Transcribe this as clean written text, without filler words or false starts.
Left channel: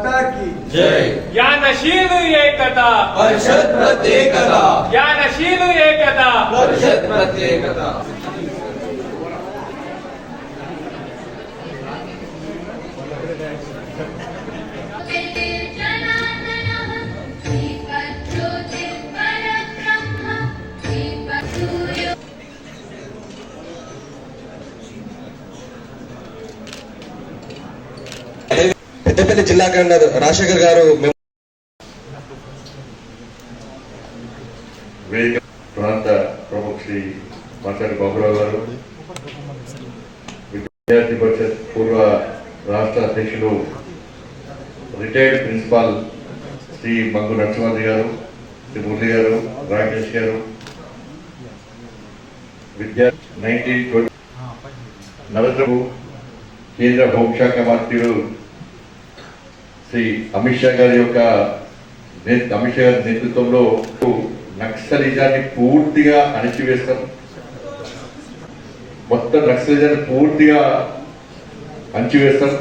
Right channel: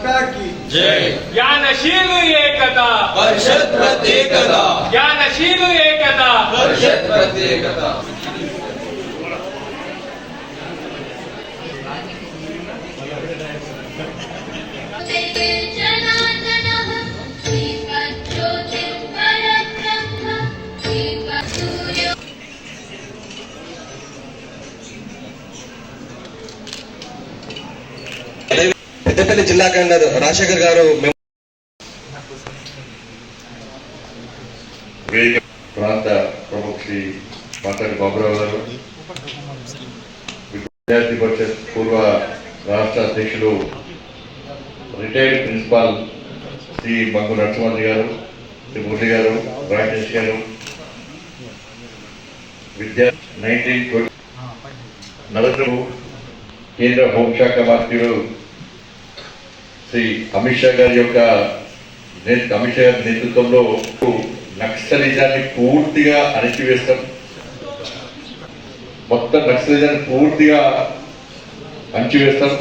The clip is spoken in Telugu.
की जय। ज्ञानशील एकता परिषद प्रत्येकता, ज्ञानशील एकता परिषद प्रत्येकता। పెద్దపల్లి జిల్లా కలెక్టర్ రాజశేఖర్ గారు ప్రాంత ప్రముఖ శ్రీ మాట్లాడి బాబురావు గారు, విద్యార్థి పరిషత్ పూర్వ రాష్ట్ర అధ్యక్షులు రిటైర్డ్ ప్రిన్సిపాల్ శ్రీ మంగు నరసింహి గారు, శ్రీ మురళి గారు, రాకేష్ గారు, నరేంద్ర కేంద్ర హోంశాఖ మంత్రులు శ్రీ అమిత్ షా గారి యొక్క అమిత్ షా గారి నేతృత్వంలో నక్సలిజాన్ని పూర్తిగా అణచివేస్తాం, మొత్తం నక్సలిజాన్ని పూర్తిగా అణచివేస్తాం.